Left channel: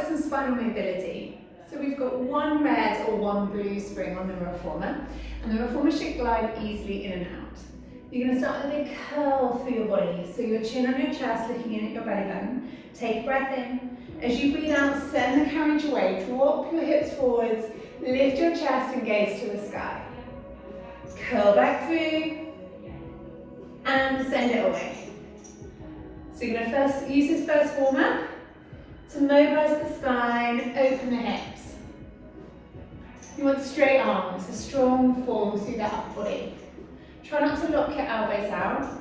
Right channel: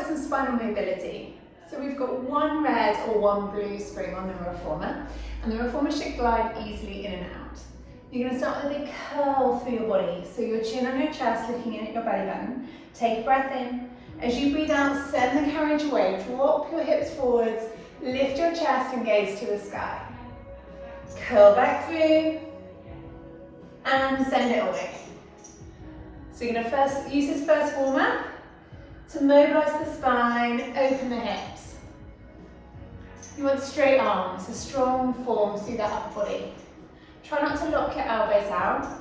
with some spinal mobility. So we've got one red or one blue spring on the reformer, and the reformer should glide easily in and out. You're going to start with a big curl through your body, so your chin on your chest, looking in at your belly button. Take a breath in. As you breathe out, send the carriage away, drop your hips forwards, lift your chest and gaze to the sky. Curl back through, and send it away. So you're going to first use this first warm-up to mobilize the spine, open the hips. You want straight arms, a strong form through the upper body. Try not to lock your elbows out.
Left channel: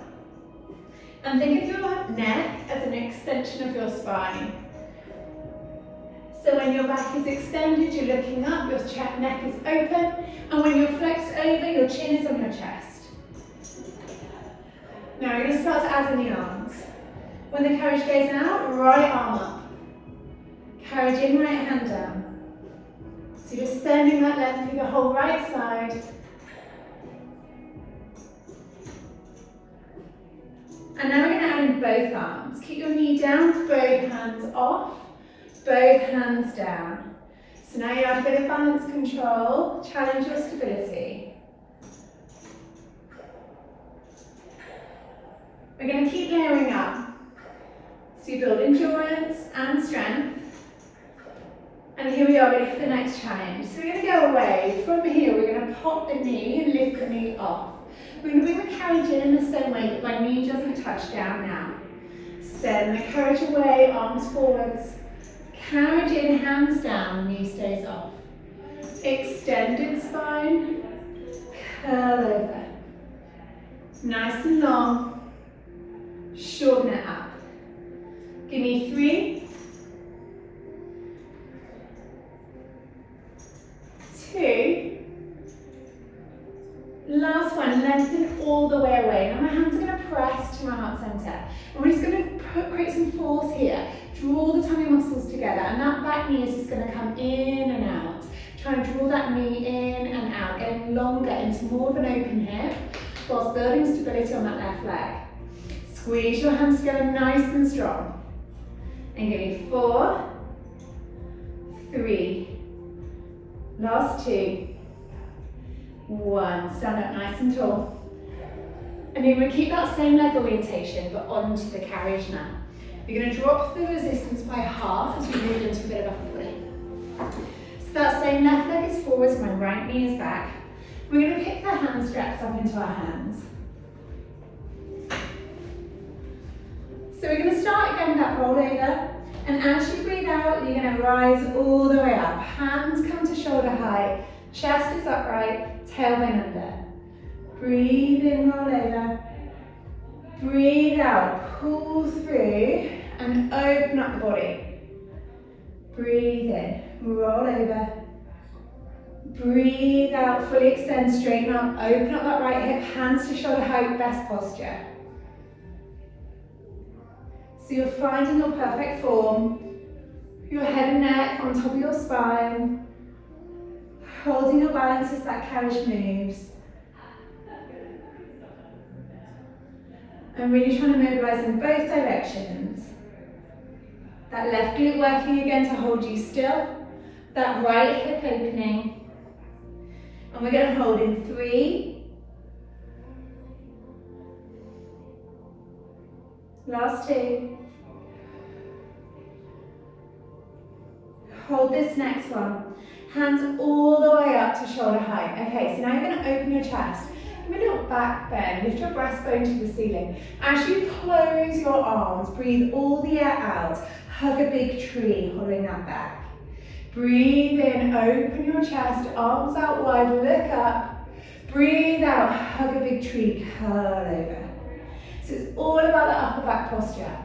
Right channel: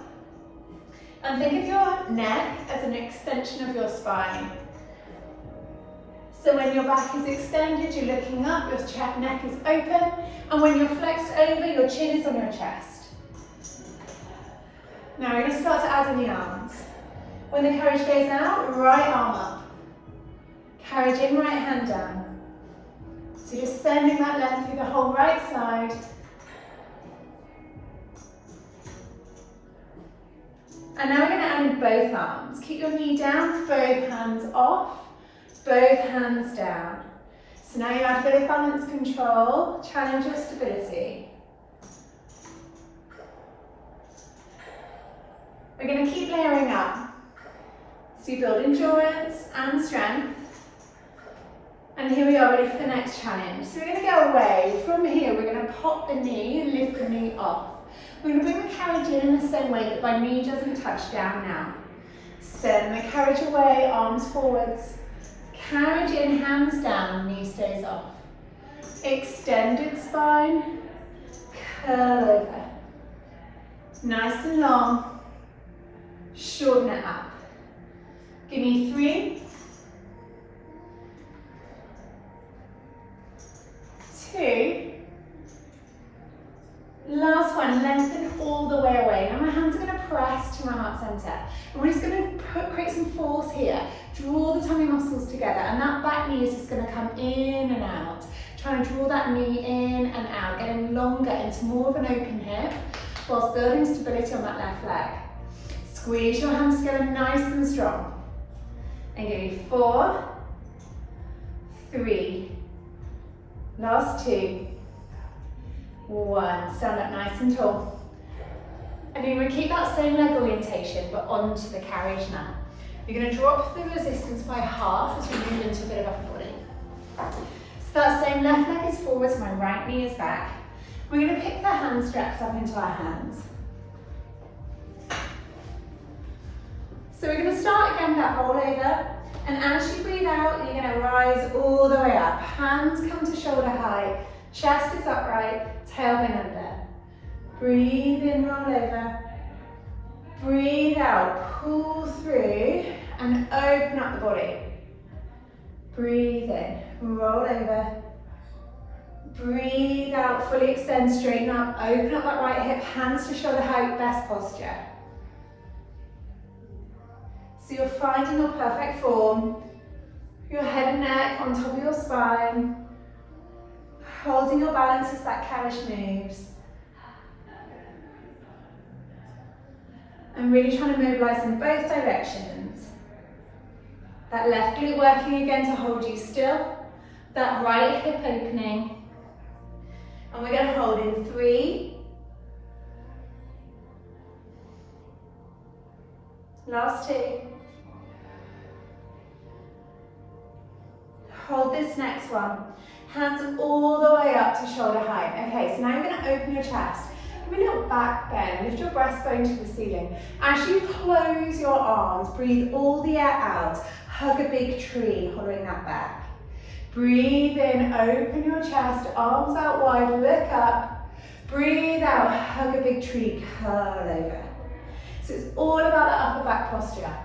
And think of your neck as an extension of your spine. So when your back is extended, you're looking up, your neck is open, and when you're flexed over, your chin is on your chest. Now you're going to start to add in the arms. When the carriage goes out, right arm up. Carriage in, right hand down. So just sending that length through the whole right side. And now we're going to add in both arms. Keep your knee down, both hands off, both hands down. So now you add a bit of balance control, challenge your stability. We're going to keep layering up. So you build endurance and strength. And here we are ready for the next challenge. So we're going to go away. From here, we're going to pop the knee and lift the knee off. We're going to bring the carriage in the same way, but my knee doesn't touch down now. Send the carriage away, arms forwards. Carriage in, hands down, knee stays off. Extended spine, curl over. Nice and long. Shorten it up. Give me 3, 2, last one, lengthen all the way away. Now my hands are going to press to my heart centre. And we're just going to create some force here. Draw the tummy muscles together, and that back knee is just going to come in and out. Trying to draw that knee in and out, getting longer into more of an open hip, whilst building stability on that left leg. Squeeze your hands together nice and strong. And give me 4, 3, last 2, 1. Stand up nice and tall. And you're going to keep that same leg orientation, but onto the carriage now. You're going to drop the resistance by half as we move into a bit of upper body. So that same left leg is forwards, my right knee is back. We're going to pick the hand straps up into our hands. So we're going to start again with that roll over, and as you breathe out, you're going to rise all the way up. Hands come to shoulder height, chest is upright, tailbone under. Breathe in, roll over. Breathe out, pull through, and open up the body. Breathe in, roll over. Breathe out, fully extend, straighten up, open up that right hip, hands to shoulder height, best posture. So you're finding your perfect form, your head and neck on top of your spine, holding your balance as that carriage moves. And really trying to mobilize in both directions. That left glute working again to hold you still, that right hip opening. And we're going to hold in 3, last 2. Hold this next one. Hands all the way up to shoulder height. Okay, so now you're going to open your chest. Give me a little back bend. Lift your breastbone to the ceiling. As you close your arms, breathe all the air out. Hug a big tree, holding that back. Breathe in, open your chest, arms out wide, look up. Breathe out, hug a big tree, curl over. So it's all about the upper back posture.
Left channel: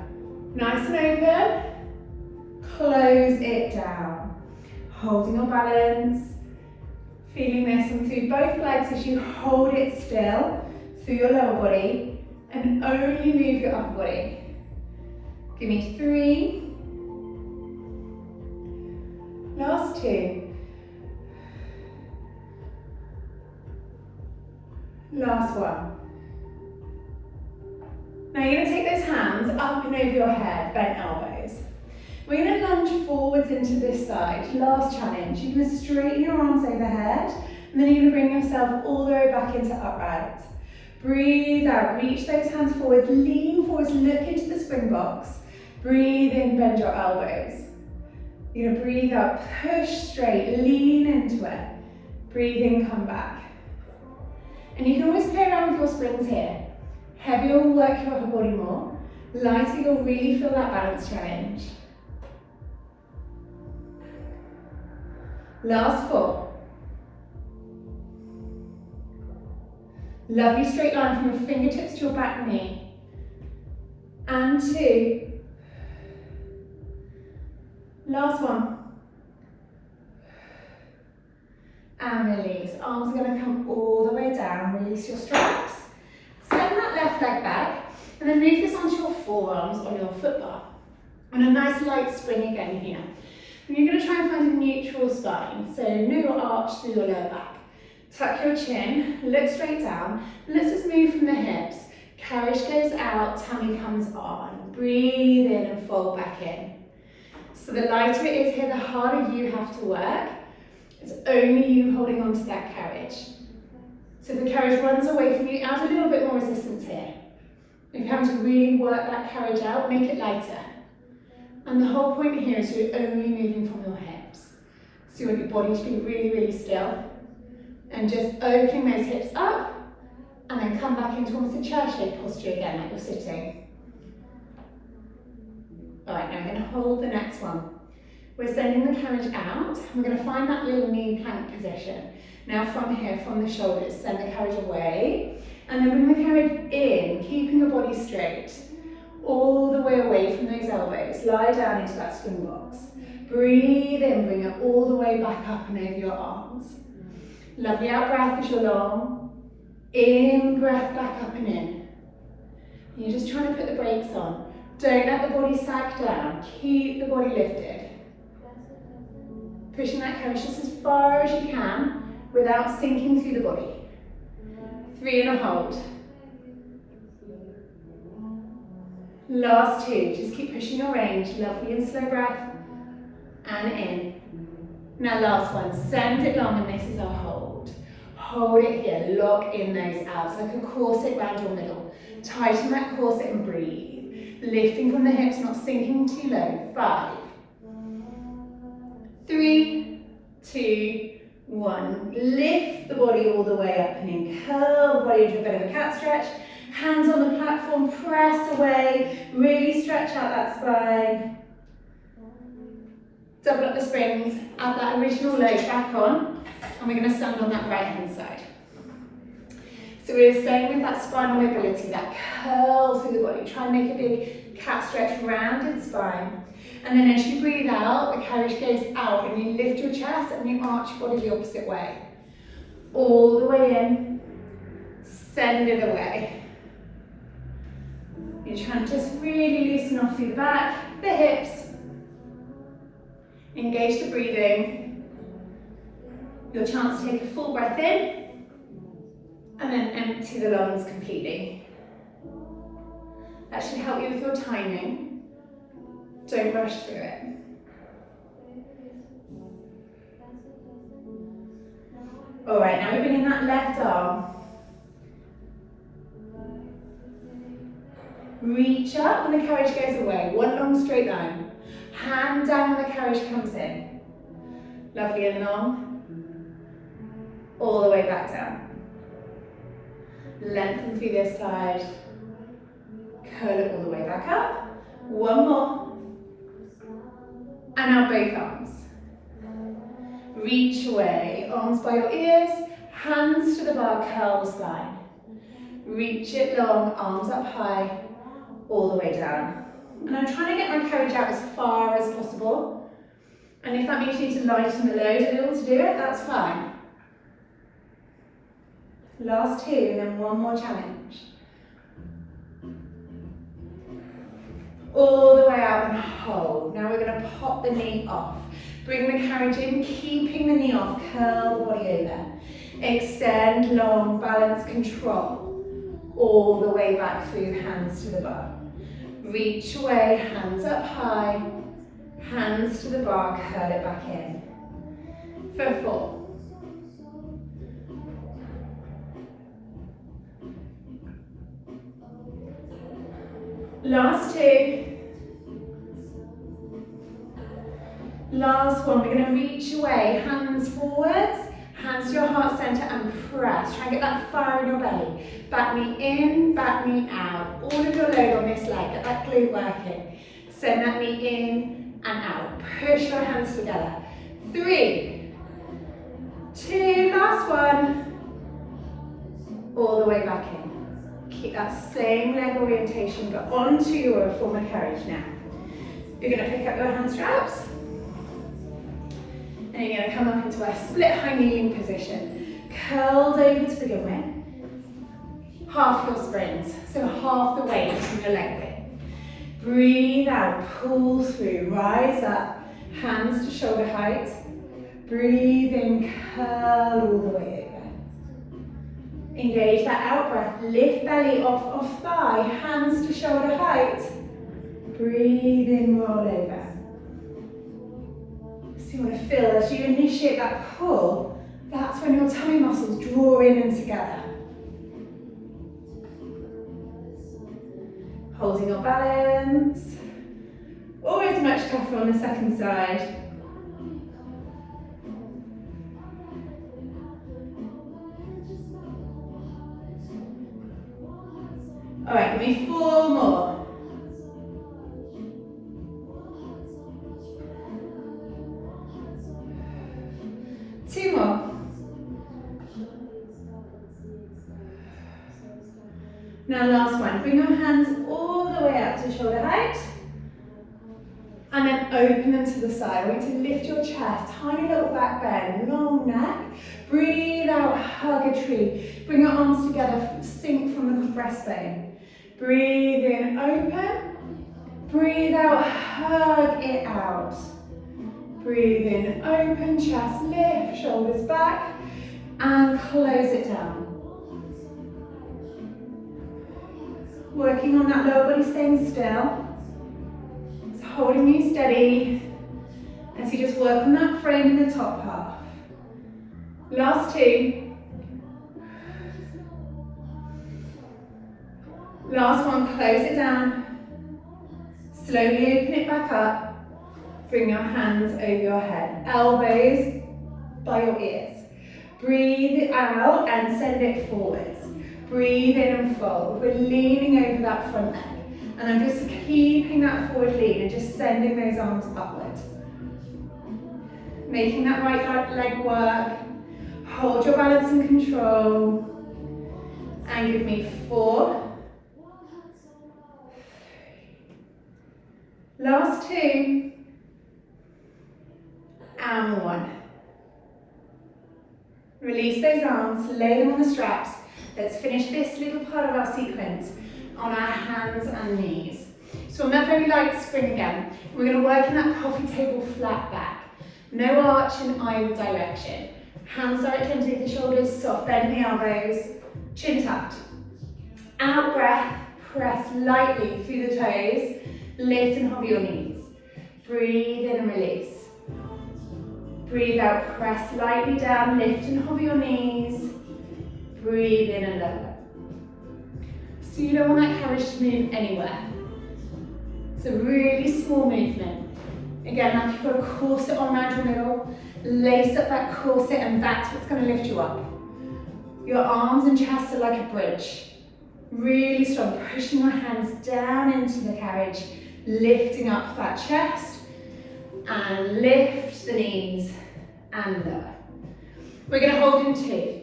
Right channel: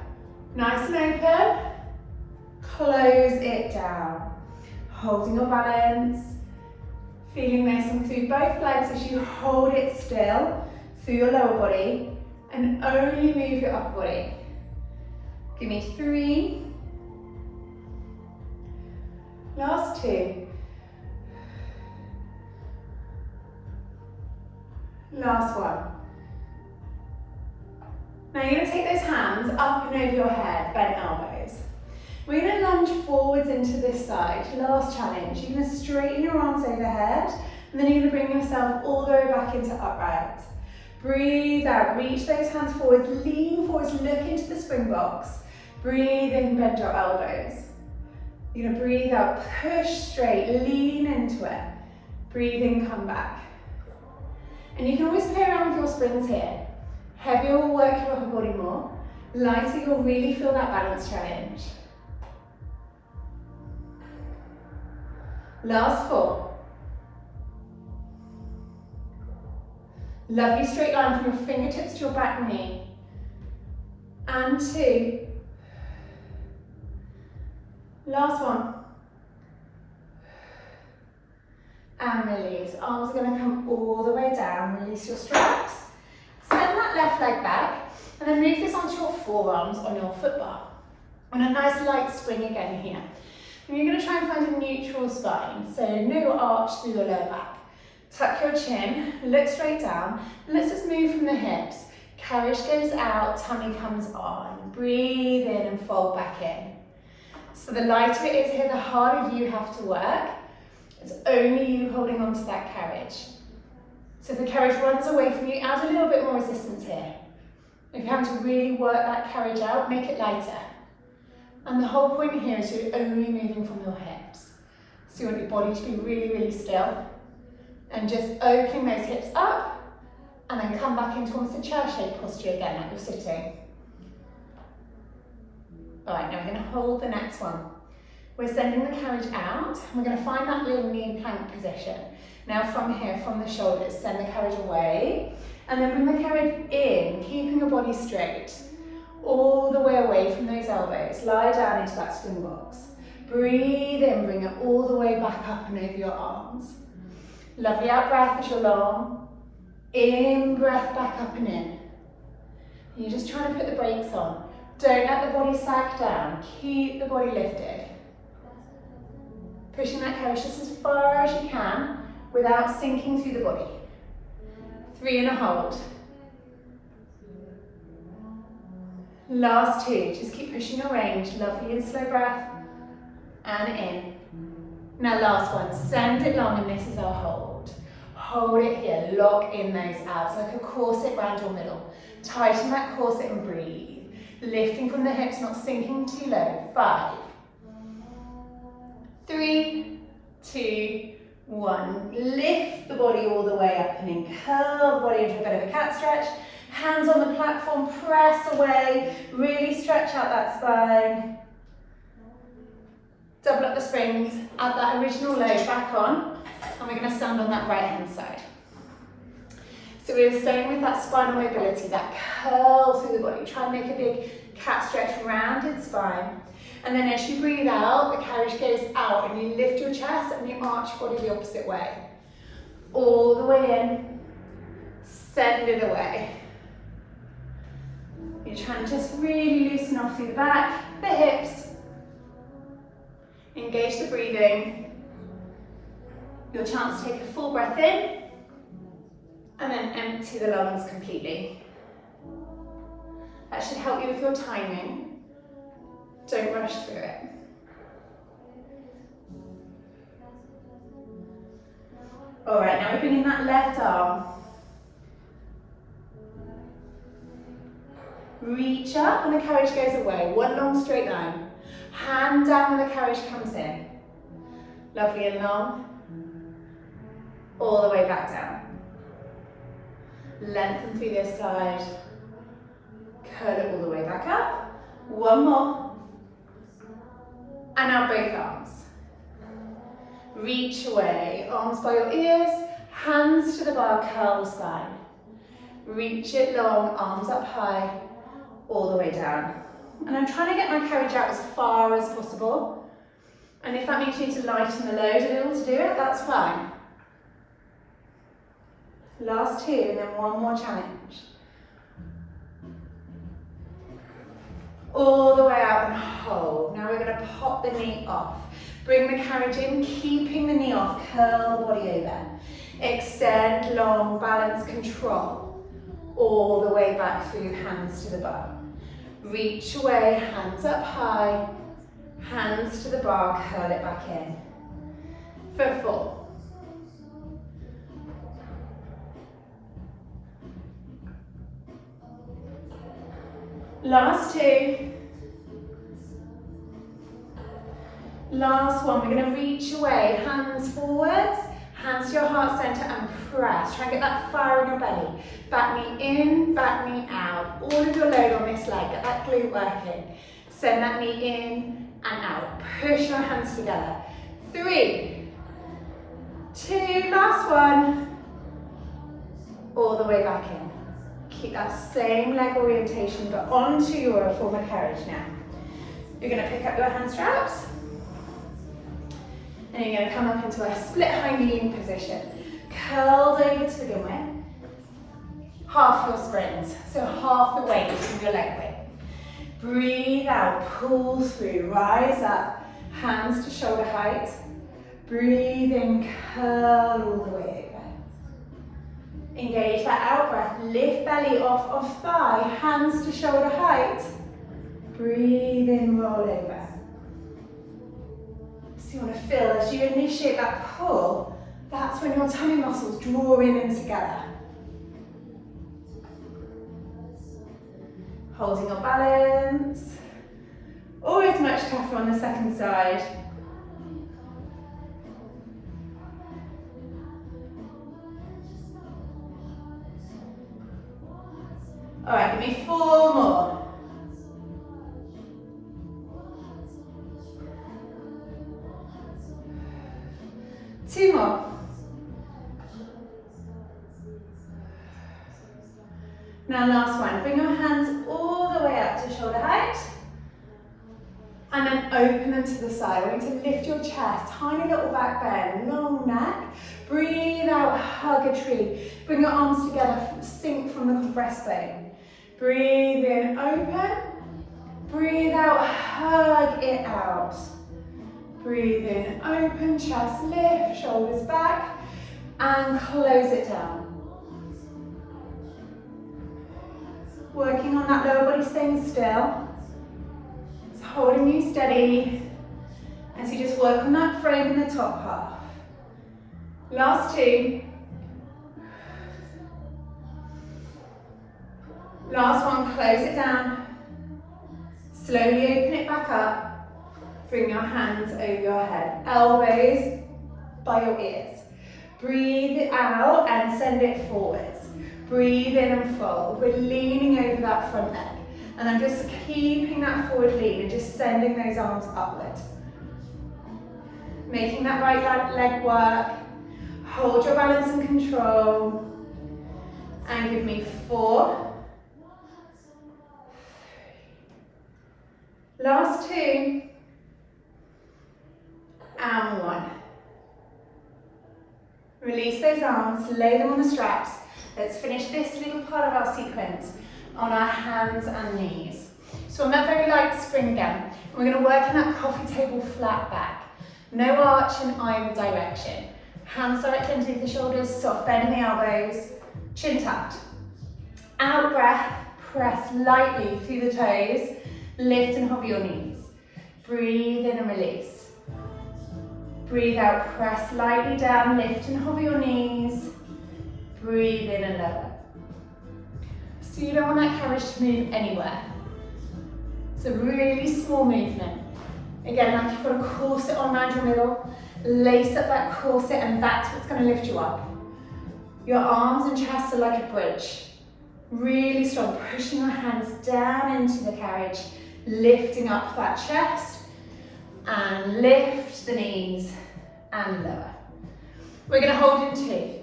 Nice and open. Close it down. Holding your balance. Feeling this and through both legs as you hold it still through your lower body and only move your upper body. Give me 3. Last 2. Last 1. Now you're going to take those hands up and over your head, bent elbows. We're going to lunge forwards into this side. Last challenge. You're going to straighten your arms overhead, and then you're going to bring yourself all the way back into upright. Breathe out, reach those hands forwards, lean forwards, look into the spring box. Breathe in, bend your elbows. You're going to breathe out, push straight, lean into it. Breathe in, come back. And you can always play around with your springs here. Heavier will work your upper body more. Lighter, you'll really feel that balance challenge. Last 4. Lovely straight line from your fingertips to your back knee. And 2. Last 1. And release. Arms are going to come all the way down. Release your straps. Send that left leg back. And then move this onto your forearms on your foot bar. On a nice light swing again here. And you're going to try and find a neutral spine. So no arch through your lower back. Tuck your chin, look straight down. Let's just move from the hips. Carriage goes out, tummy comes on. Breathe in and fold back in. So the lighter it is here, the harder you have to work. It's only you holding on to that carriage. So if the carriage runs away from you, add a little bit more resistance here. If you're having to really work that carriage out, make it lighter. And the whole point here is you're only moving from your hips. So you want your body to be really, really still. And just opening those hips up, and then come back into almost a chair shape posture again, like you're sitting. All right, now we're going to hold the next one. We're sending the carriage out, and we're going to find that little knee plank position. Now from here, from the shoulders, send the carriage away, and then bring the carriage in, keeping your body straight, all the way away from those elbows. Lie down into that spring box. Breathe in, bring it all the way back up and over your arms. Lovely out breath as you're long. In breath back up and in. And you're just trying to put the brakes on. Don't let the body sag down. Keep the body lifted. Pushing that carriage just as far as you can without sinking through the body. 3 and a hold. Last 2. Just keep pushing your range. Lovely and slow breath. And in. Now last one, send it long, and this is our hold. Hold it here, lock in those abs like a corset around your middle. Tighten that corset and breathe. Lifting from the hips, not sinking too low. 5, 3, 2, 1. Lift the body all the way up and in. Curl the body into a bit of a cat stretch. Hands on the platform, press away. Really stretch out that spine. Double up the springs, add that original load back on, and we're going to stand on that right hand side. So we're staying with that spinal mobility, that curl through the body. Try and make a big cat stretch, rounded spine. And then as you breathe out, the carriage goes out, and you lift your chest and you arch your body the opposite way. All the way in, send it away. You're trying to just really loosen off through the back, the hips. Engage the breathing. Your chance to take a full breath in and then empty the lungs completely. That should help you with your timing. Don't rush through it. All right, now we're bringing that left arm. Reach up when the carriage goes away. One long straight line. Hand down when the carriage comes in. Lovely and long. All the way back down. Lengthen through this side. Curl it all the way back up. One more. And now both arms. Reach away. Arms by your ears. Hands to the bar. Curl the spine. Reach it long. Arms up high. All the way down. And I'm trying to get my carriage out as far as possible. And if that means you need to lighten the load a little to do it, that's fine. Last 2, and then one more challenge. All the way out and hold. Now we're going to pop the knee off. Bring the carriage in, keeping the knee off. Curl the body over. Extend long, balance, control. All the way back through, hands to the bar. Reach away, hands up high, hands hands to the bar, curl it back in. For 4. Last 2. Last 1, we're going to reach away, hands forwards, hands to your heart center and press. Try and get that fire in your belly. Back knee in, back knee out. All of your load on this leg, get that glute working. Send that knee in and out. Push your hands together. 3, 2, last 1. All the way back in. Keep that same leg orientation, but onto your reformer carriage now. You're going to pick up your hand straps. And you're going to come up into a split high kneeling position. Curled over to begin with. Half your springs, so half the weight from your leg width. Breathe out, pull through, rise up, hands to shoulder height. Breathe in, curl all the way over. Engage that out breath, lift belly off of thigh, hands to shoulder height. Breathe in, roll over. So you want to feel as you initiate that pull, that's when your tummy muscles draw in and together. Holding your balance. Always much tougher on the second side. All right, give me 4 more. Two more. Now last one, bring your hands all the way up to shoulder height and then open them to the side. I want you to lift your chest, tiny little back bend, long neck. Breathe out, hug a tree. Bring your arms together, sink from the compressed bone. Breathe in, open. Breathe out, hug it out. Breathe in, open, chest lift, shoulders back, and close it down. Working on that lower body, staying still. It's holding you steady as you just work on that frame in the top half. Last 2. Last one, close it down. Slowly open it back up. Bring your hands over your head, elbows by your ears. Breathe out and send it forwards. Breathe in and fold. We're leaning over that front leg. And I'm just keeping that forward lean and just sending those arms upward. Making that right leg work. Hold your balance and control. And give me 4. Last 2. And 1. Release those arms, lay them on the straps. Let's finish this little part of our sequence on our hands and knees. So on that very light spring again, we're going to work in that coffee table flat back. No arch in either direction. Hands directly underneath the shoulders, soft bend in the elbows, chin tucked. Out breath, press lightly through the toes, lift and hover your knees. Breathe in and release. Breathe out, press lightly down, lift and hover your knees. Breathe in and lower. So you don't want that carriage to move anywhere. It's a really small movement. Again, like you've got a corset on around your middle, lace up that corset and that's what's going to lift you up. Your arms and chest are like a bridge. Really strong, pushing your hands down into the carriage, lifting up that chest and lift the knees and lower. We're going to hold in 2.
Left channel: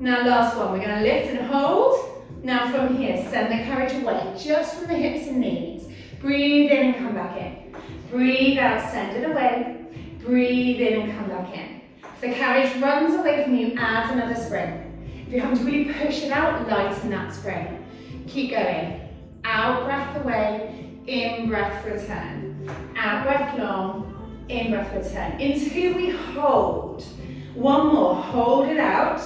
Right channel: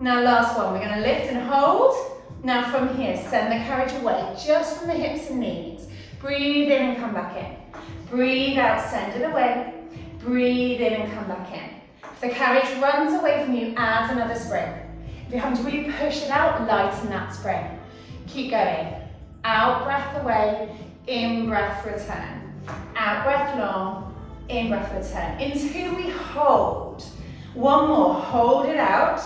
Now last one, we're going to lift and hold. Now from here, send the carriage away, just from the hips and knees. Breathe in and come back in. Breathe out, send it away. Breathe in and come back in. If the carriage runs away from you, add another spring. If you're having to really push it out, lighten that spring. Keep going. Out breath away, in breath return. Out breath long, in breath return. Until we hold. One more, hold it out.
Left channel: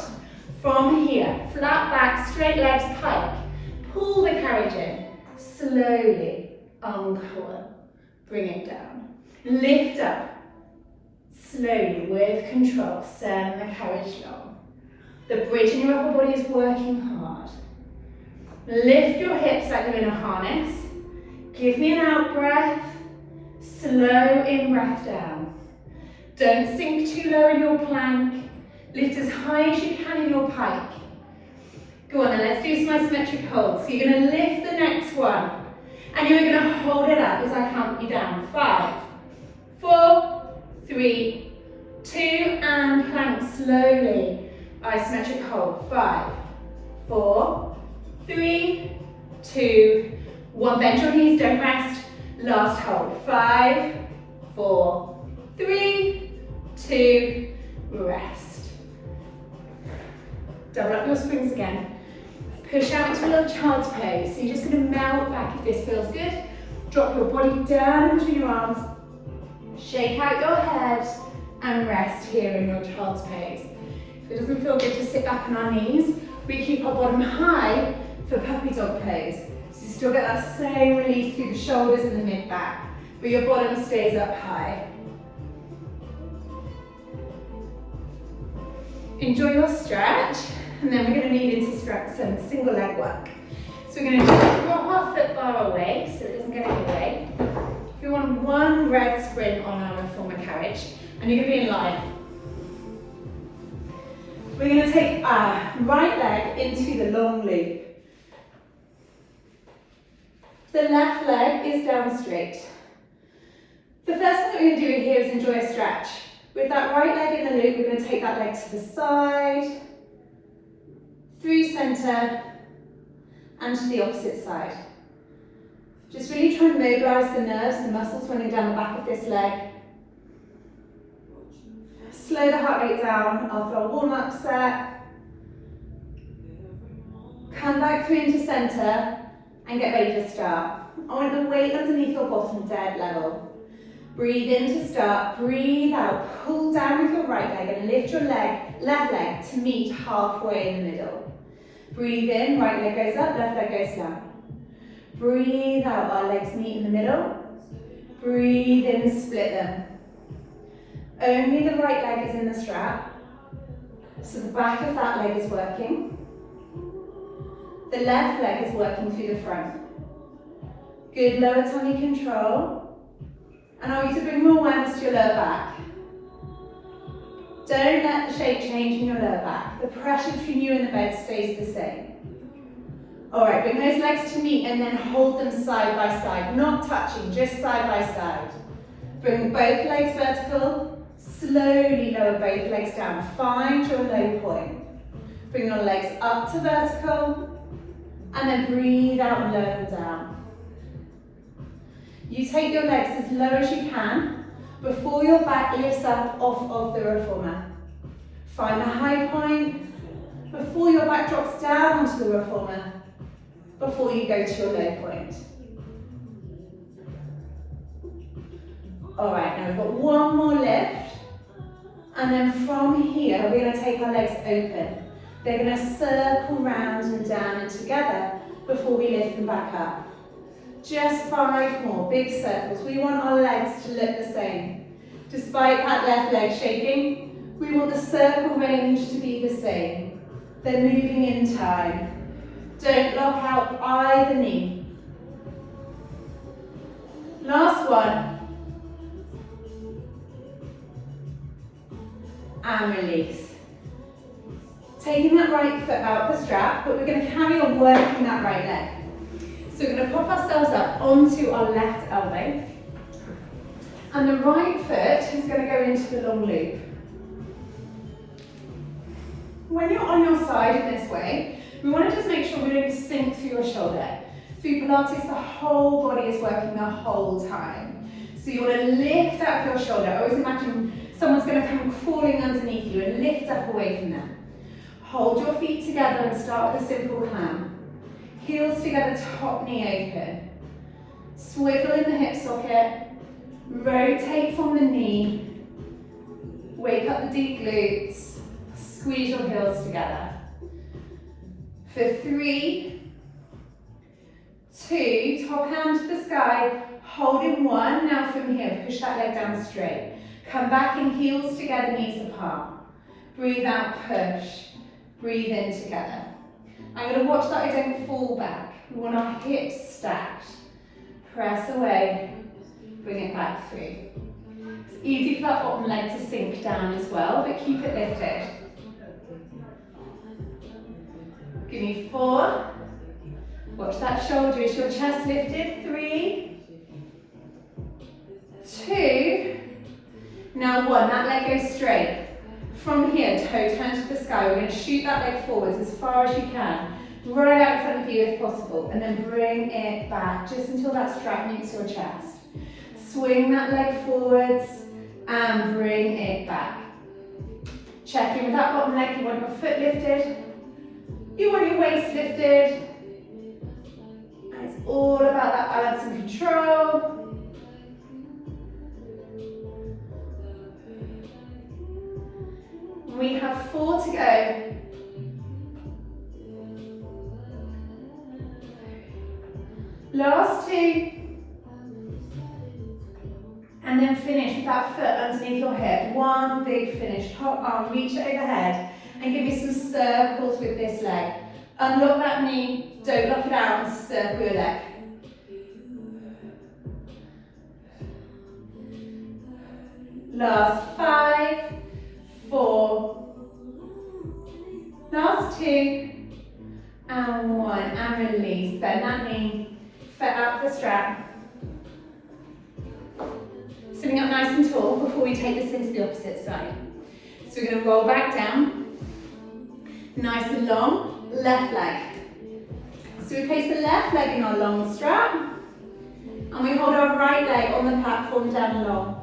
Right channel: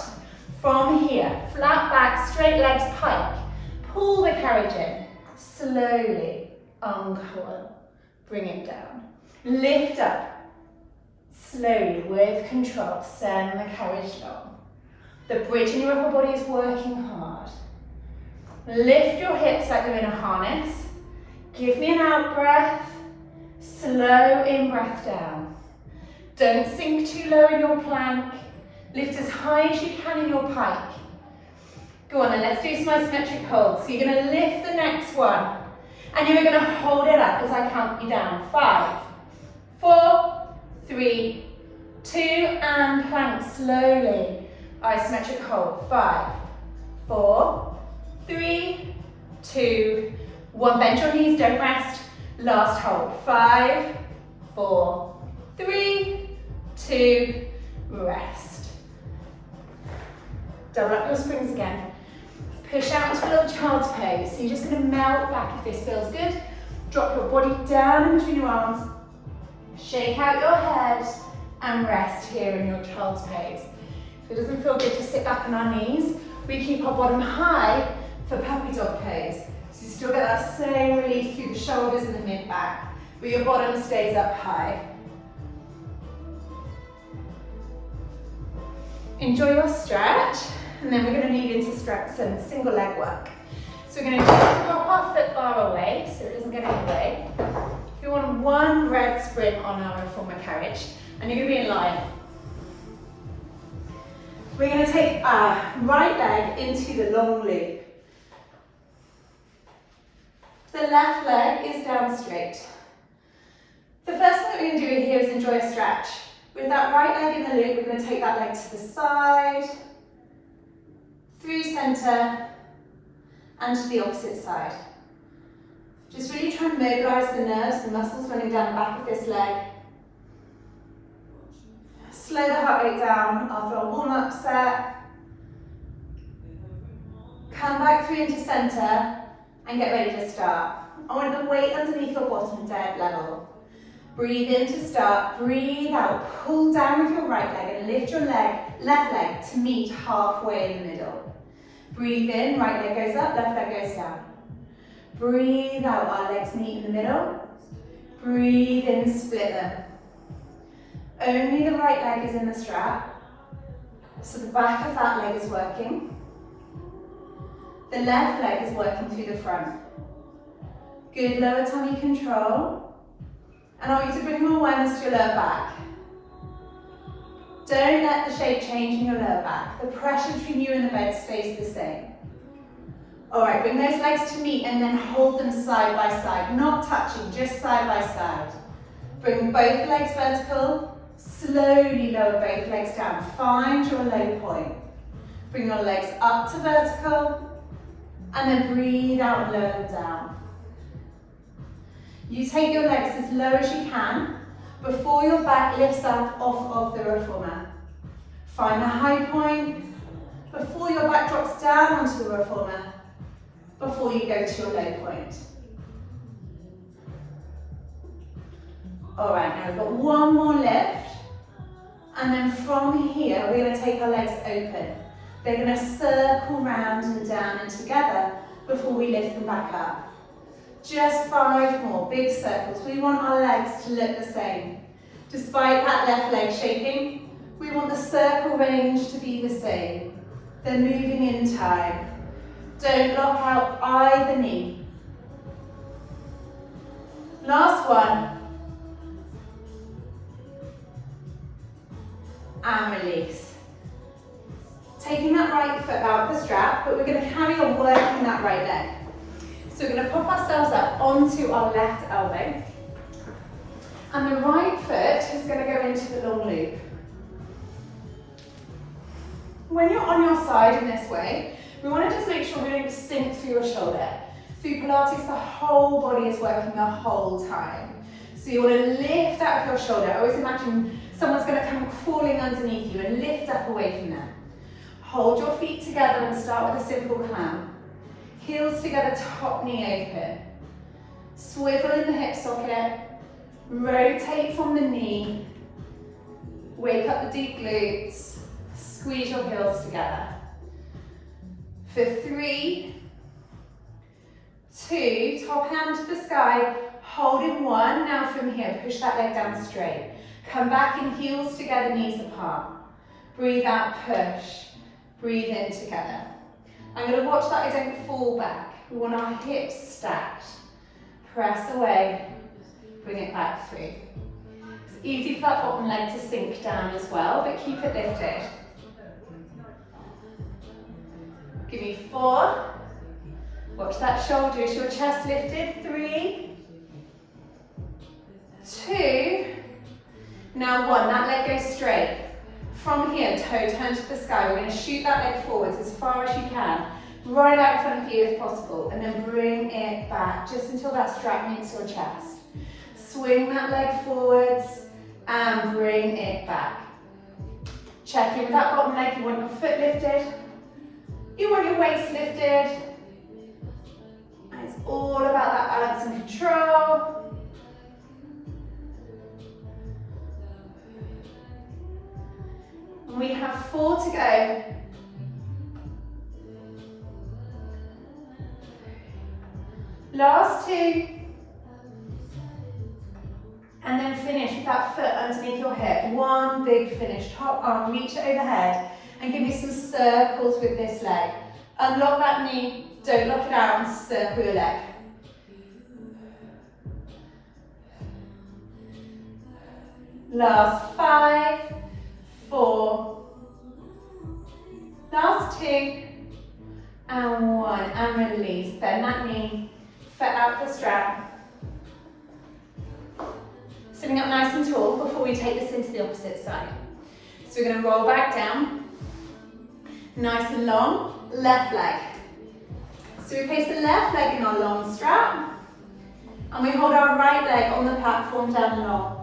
From here, flat back, straight legs, pike. Pull the carriage in, slowly. uncoil, bring it down. Lift up, slowly, with control, send the carriage long. The bridge in your upper body is working hard. Lift your hips like they're in a harness. Give me an out breath, slow in breath down. Don't sink too low in your plank. Lift as high as you can in your pike. Go on then, let's do some isometric holds. So you're going to lift the next one, and you're going to hold it up as I count you down. 5, 4, 3, 2, and plank slowly. Isometric hold. 5, 4, 3, 2, 1. Bend your knees, don't rest. Last hold. 5, 4, 3, 2, rest. Double up your springs again. Push out into a little child's pose. So you're just going to melt back if this feels good. Drop your body down in between your arms. Shake out your head and rest here in your child's pose. If it doesn't feel good to sit back on our knees, we keep our bottom high for puppy dog pose. So you still get that same release through the shoulders and the mid-back, but your bottom stays up high. Enjoy your stretch, and then we're going to move into some single leg work. So we're going to drop our foot bar away so it doesn't get in the way. You want one red spring on our reformer carriage, and you're going to be in line. We're going to take our right leg into the long loop. The left leg is down straight. The first thing we're going to do here is enjoy a stretch. With that right leg in the loop, we're going to take that leg to the side, through centre, and to the opposite side. Just really try and mobilise the nerves, the muscles running down the back of this leg. Slow the heart rate down after our warm-up set. Come back through into centre and get ready to start. I want the weight underneath your bottom dead level. Breathe in to start, breathe out, pull down with your right leg and lift your left leg to meet halfway in the middle. Breathe in, right leg goes up, left leg goes down. Breathe out, our legs meet in the middle. Breathe in, split them. Only the right leg is in the strap, so the back of that leg is working. The left leg is working through the front. Good lower tummy control. And I want you to bring your awareness to your lower back. Don't let the shape change in your lower back. The pressure between you and the bed stays the same. Alright, bring those legs to meet and then hold them side by side, not touching, just side by side. Bring both legs vertical, slowly lower both legs down. Find your low point. Bring your legs up to vertical, and then breathe out and lower them down. You take your legs as low as you can before your back lifts up off of the reformer. Find the high point before your back drops down onto the reformer, before you go to your low point. Alright, now we've got one more lift, and then from here we're going to take our legs open. They're going to circle round and down and together before we lift them back up. Just 5 more big circles. We want our legs to look the same. Despite that left leg shaking, we want the circle range to be the same. They're moving in time. Don't lock out either knee. Last one. And release. Taking that right foot out of the strap, but we're going to carry on working that right leg. So we're going to pop ourselves up onto our left elbow, and the right foot is going to go into the long loop. When you're on your side in this way, we want to just make sure we don't sink through your shoulder. Through Pilates, the whole body is working the whole time. So you want to lift out of your shoulder. Always imagine someone's going to come crawling underneath you and lift up away from them. Hold your feet together and start with a simple clamp. Heels together, top knee open. Swivel in the hip socket. Rotate from the knee. Wake up the deep glutes. Squeeze your heels together. For 3, 2, top hand to the sky, holding 1. Now from here, push that leg down straight. Come back in, heels together, knees apart. Breathe out, push. Breathe in together. I'm going to watch that I don't fall back. We want our hips stacked. Press away, bring it back through. It's easy for that bottom leg to sink down as well, but keep it lifted. Give me 4. Watch that shoulder. Is your chest lifted? 3, 2. Now 1. That leg goes straight. From here, toe turn to the sky. We're going to shoot that leg forwards as far as you can. Right out in front of you if possible. And then bring it back just until that strap meets your chest. Swing that leg forwards and bring it back. Check in with that bottom leg. You want your foot lifted. You want your waist lifted. And it's all about that balance and control. We have 4 to go. Last 2. And then finish with that foot underneath your hip. 1 big finish. Top arm, reach it overhead. And give me some circles with this leg. Unlock that knee, don't lock it out, and circle your leg. Last 5, 4, last 2, and 1, and release. Bend that knee, foot out the strap. Sitting up nice and tall before we take this into the opposite side. So we're going to roll back down, nice and long, left leg. So we place the left leg in our long strap, and we hold our right leg on the platform down long.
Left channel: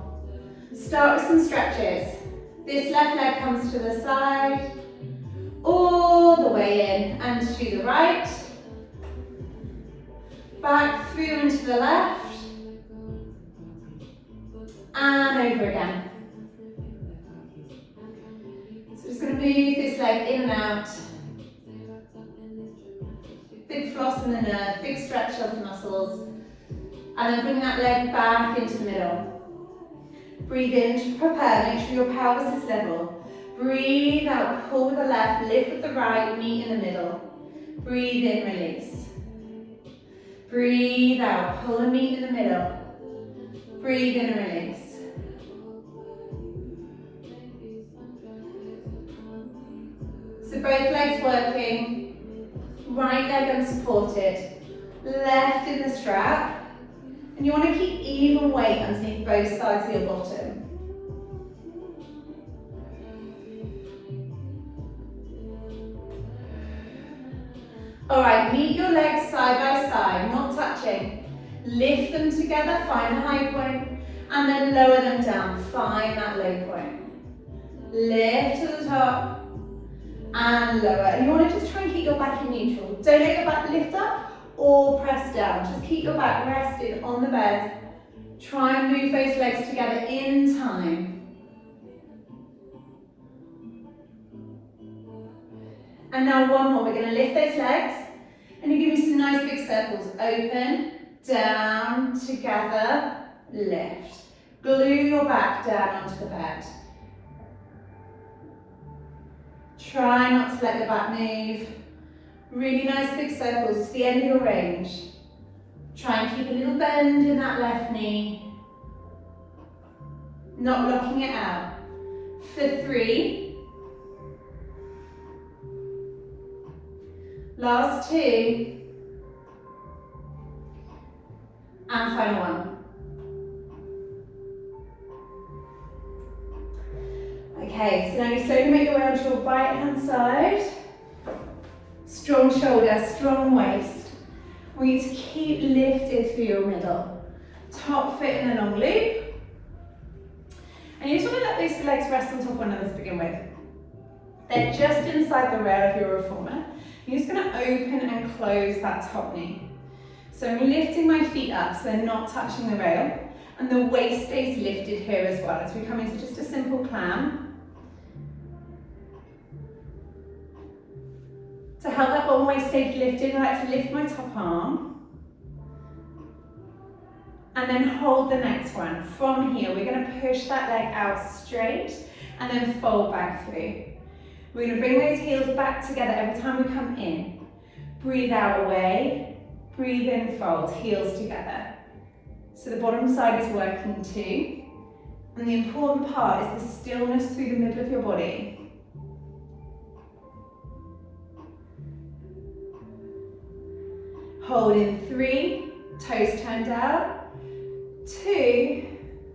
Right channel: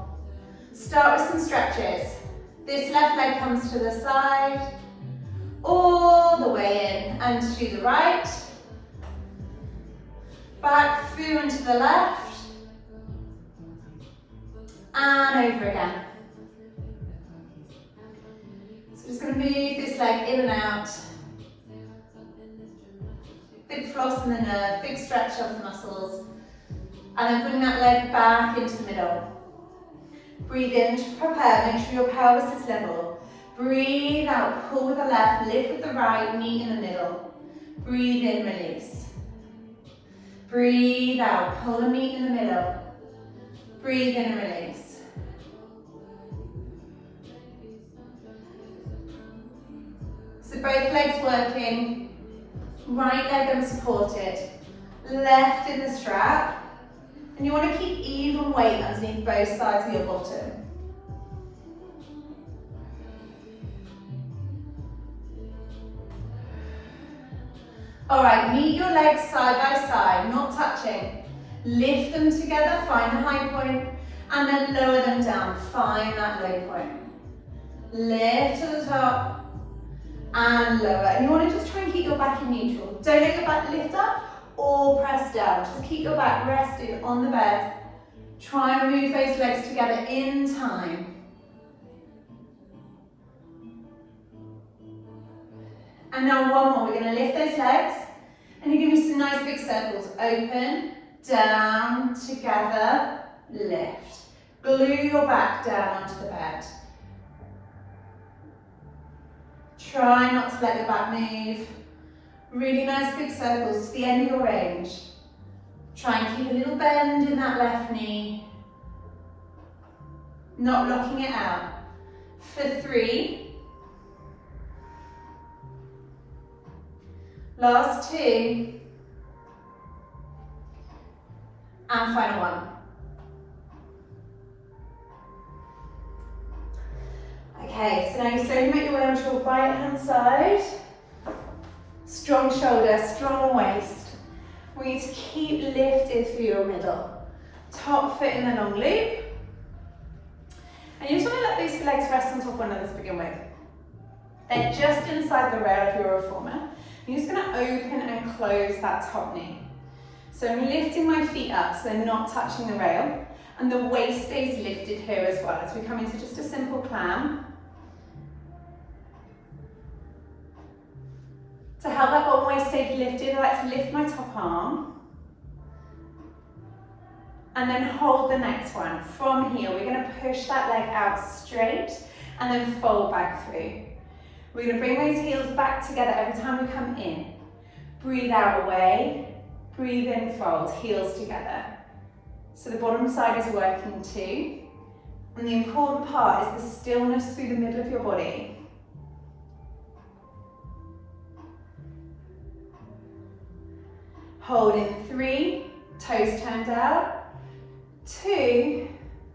Start with some stretches. This left leg comes to the side, all the way in and to the right, back through and to the left, and over again. So just going to move this leg in and out. Big floss in the nerve, big stretch of the muscles, and then bring that leg back into the middle. Breathe in to prepare, make sure your pelvis is level. Breathe out, pull with the left, lift with the right, meet in the middle. Breathe in, release. Breathe out, pull and meet in the middle. Breathe in and release. So both legs working, right leg unsupported, left in the strap. And you want to keep even weight underneath both sides of your bottom. Alright, meet your legs side by side, not touching. Lift them together, find the high point, and then lower them down, find that low point. Lift to the top, and lower. And you want to just try and keep your back in neutral. Don't let your back lift up or press down. Just keep your back rested on the bed. Try and move those legs together in time. And now one more. We're going to lift those legs and you give me some nice big circles. Open, down, together, lift. Glue your back down onto the bed. Try not to let the back move. Really nice big circles to the end of your range. Try and keep a little bend in that left knee. Not locking it out. For 3. Last 2. And final 1. Okay, so now you slowly make your way onto your right hand side. Strong shoulder, strong waist. We need to keep lifted through your middle. Top foot in a long loop. And you just want to let those legs rest on top of one another to begin with. They're just inside the rail of your reformer. You're just going to open and close that top knee. So I'm lifting my feet up so they're not touching the rail. And the waist stays lifted here as well as we come into just a simple clam. To help that bottom waist stay lifted, I like to lift my top arm and then hold the next one. From here, we're gonna push that leg out straight and then fold back through. We're gonna bring those heels back together every time we come in. Breathe out away, breathe in, fold, heels together. So the bottom side is working too. And the important part is the stillness through the middle of your body. Hold in 3, toes turned out. 2,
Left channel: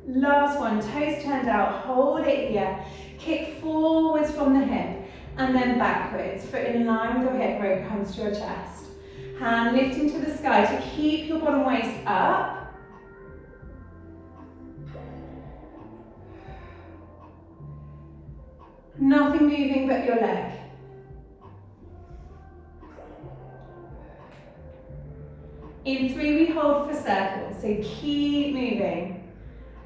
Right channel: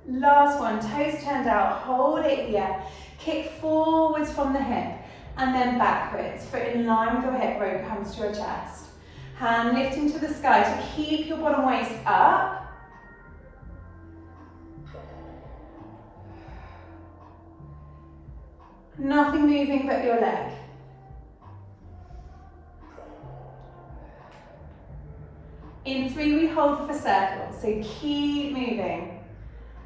last one, toes turned out, hold it here. Kick forwards from the hip and then backwards. Foot in line with your hip, rope comes to your chest. Hand lifting to the sky to keep your bottom waist up. Nothing moving but your leg. In 3, we hold for circles, so keep moving.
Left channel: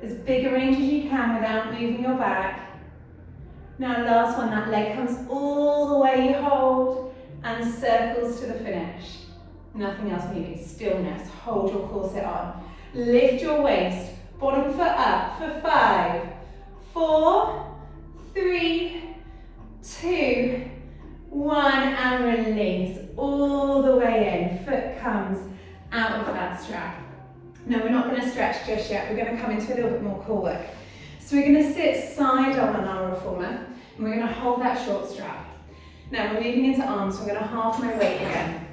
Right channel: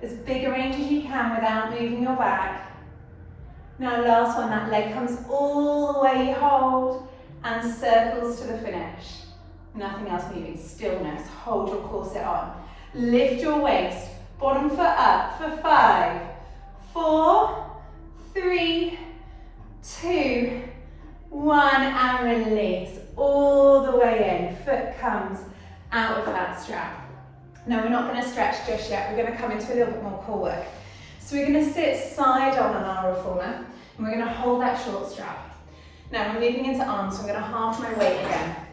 As big a range as you can without moving your back. Now last one, that leg comes all the way, hold, and circles to the finish. Nothing else moving, stillness, hold your corset on. Lift your waist, bottom foot up for 5, 4, 3, 2, 1, and release. All the way in, foot comes out of that strap. Now we're not going to stretch just yet, we're going to come into a little bit more core work. So we're going to sit side on our reformer, and we're going to hold that short strap. Now we're moving into arms, so I'm going to half my weight again.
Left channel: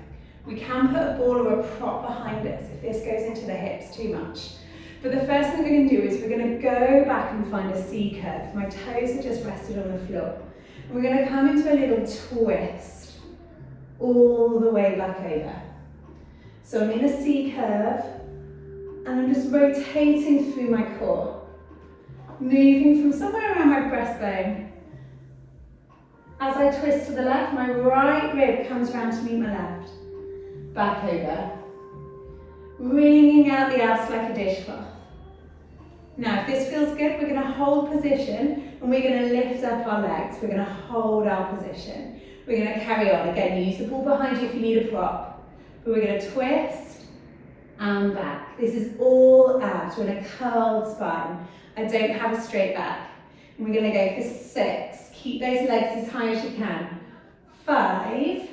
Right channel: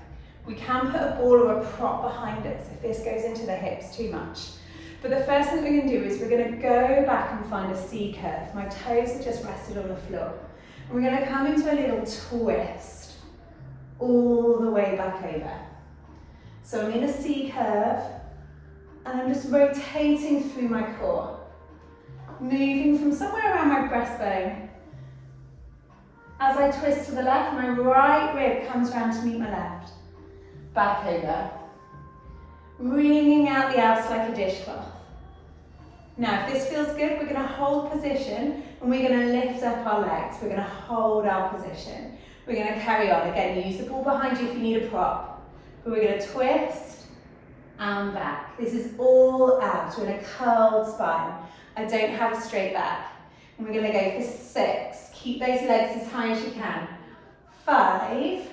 We can put a ball or a prop behind us if this goes into the hips too much. But the first thing we're going to do is we're going to go back and find a C curve. My toes are just rested on the floor. And we're going to come into a little twist all the way back over. So I'm in a C curve, and I'm just rotating through my core, moving from somewhere around my breastbone. As I twist to the left, my right rib comes round to meet my left. Back over. Wringing out the abs like a dishcloth. Now, if this feels good, we're going to hold position, and we're going to lift up our legs. We're going to hold our position. We're going to carry on. Again, use the ball behind you if you need a prop. But we're going to twist and back. This is all abs. We're in a curled spine. I don't have a straight back. And we're going to go for 6. Keep those legs as high as you can. 5.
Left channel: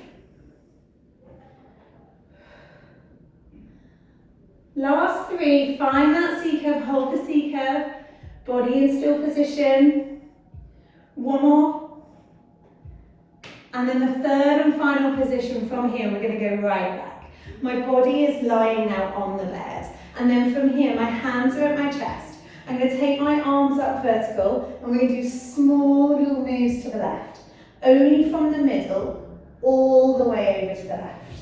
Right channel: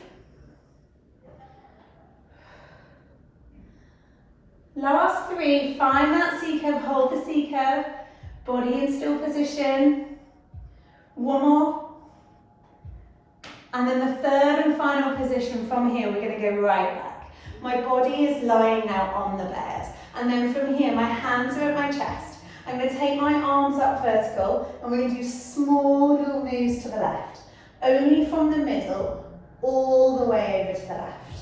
Last 3. Find that C curve. Hold the C curve. Body in still position. 1 more. And then the third and final position from here, we're going to go right back. My body is lying now on the bed. And then from here, my hands are at my chest. I'm going to take my arms up vertical, and we're going to do small little moves to the left. Only from the middle, all the way over to the left.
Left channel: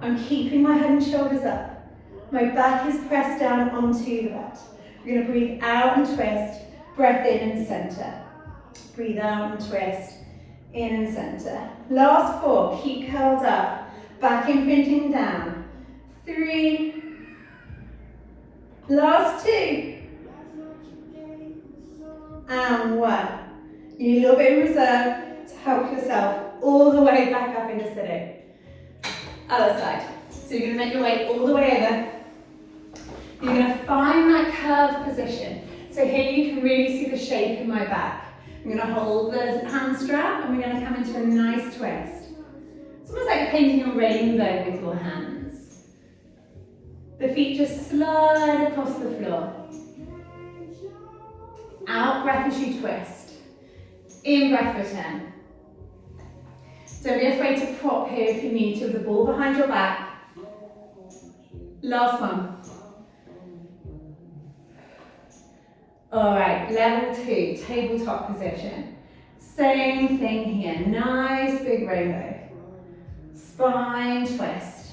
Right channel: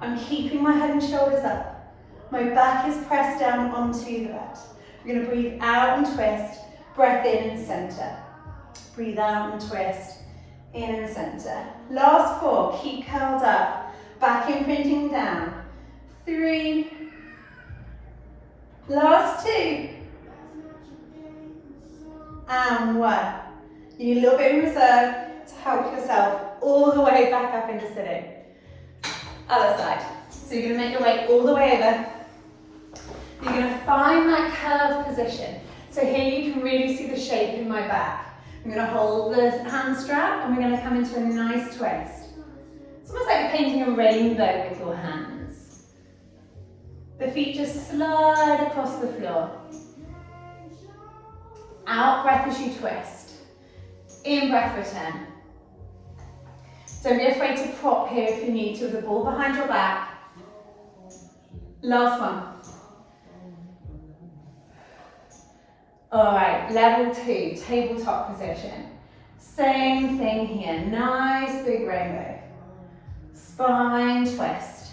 I'm keeping my head and shoulders up. My back is pressed down onto the bed. We're going to breathe out and twist, breath in and center. Breathe out and twist, in and center. Last 4, keep curled up. Back imprinting down. 3. Last 2. And 1. You need a little bit of reserve to help yourself all the way back up into sitting. Other side. So you're going to make your way all the way over. You're going to find that curved position. So here you can really see the shape in my back. I'm going to hold the hand strap, and we're going to come into a nice twist. It's almost like painting a rainbow with your hands. The feet just slide across the floor. Out breath as you twist. In breath return. Don't be afraid to prop here if you need to, with the ball behind your back. Last one. Alright, level 2, tabletop position. Same thing here, nice big rainbow. Spine twist.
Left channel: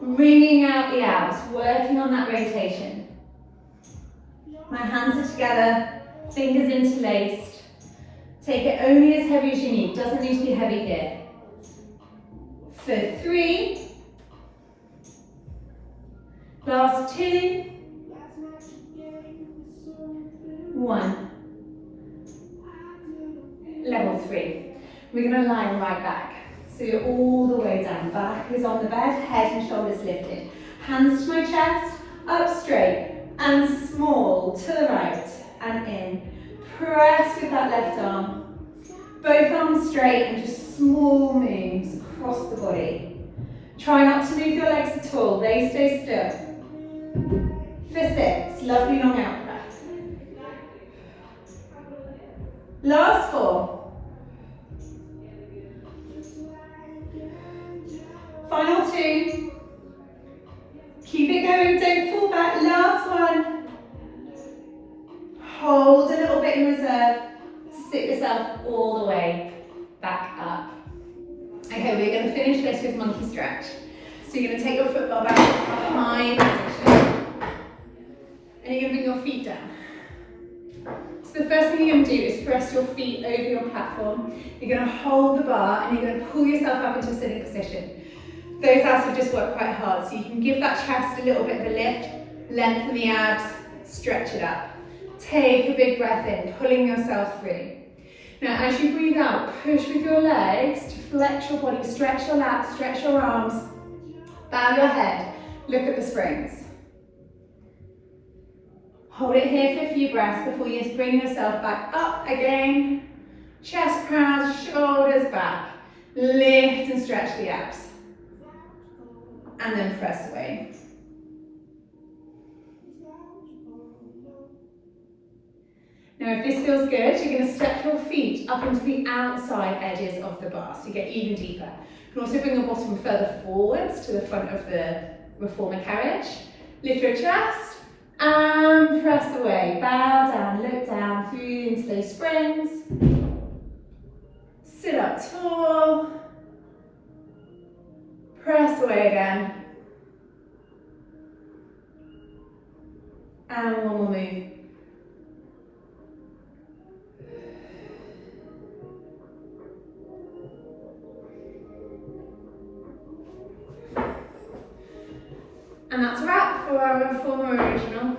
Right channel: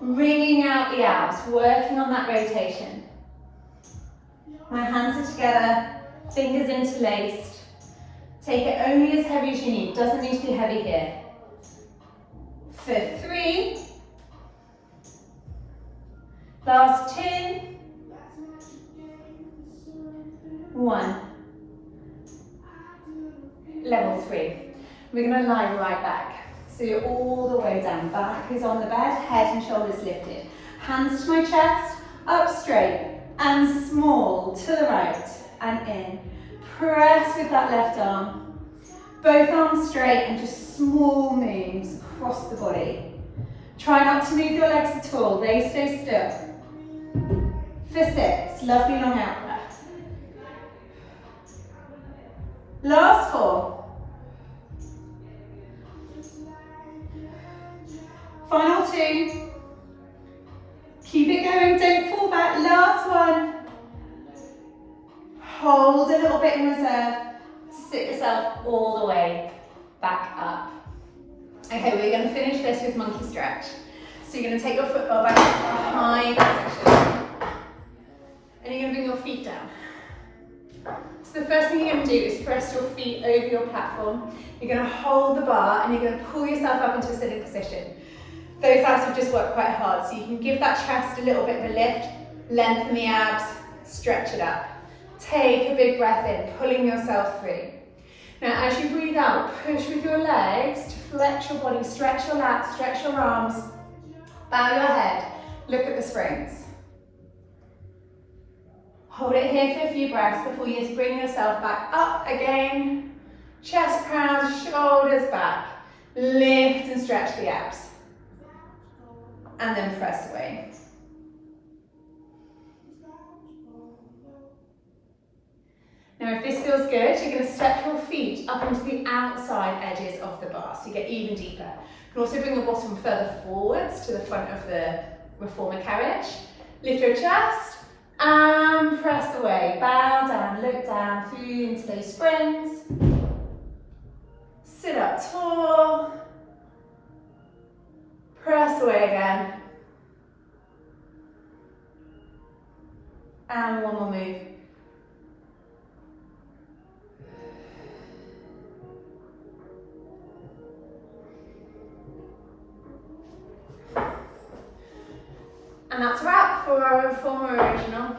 Wringing out the abs, working on that rotation. My hands are together, fingers interlaced. Take it only as heavy as you need, doesn't need to be heavy here. For 3. Last 2. 1. Level 3. We're going to lie right back. So you're all the way down. Back is on the bed, head and shoulders lifted. Hands to my chest. up straight, and small to the right, and in. Press with that left arm. Both arms straight and just small moves across the body. Try not to move your legs at all, they stay still. For 6, lovely long out breath. Last 4. Final 2. Keep it going, don't fall back. Last 1. Hold a little bit in reserve to sit yourself all the way back up. Okay, we're going to finish this with monkey stretch. So you're going to take your football back into high position. And you're going to bring your feet down. So the first thing you're going to do is press your feet over your platform. You're going to hold the bar and you're going to pull yourself up into a sitting position. Those abs have just worked quite hard, so you can give that chest a little bit of a lift, lengthen the abs, stretch it up. Take a big breath in, pulling yourself through. Now as you breathe out, push with your legs to flex your body, stretch your lats, stretch your arms, bow your head, look at the springs. Hold it here for a few breaths before you bring yourself back up again. Chest proud, shoulders back, lift and stretch the abs. And then press away. Now if this feels good, you're going to step your feet up into the outside edges of the bar so you get even deeper. You can also bring your bottom further forwards to the front of the reformer carriage. Lift your chest and press away. Bow down, look down through into those springs. Sit up tall. Press away again. And one more move. And that's a wrap for our reformer original.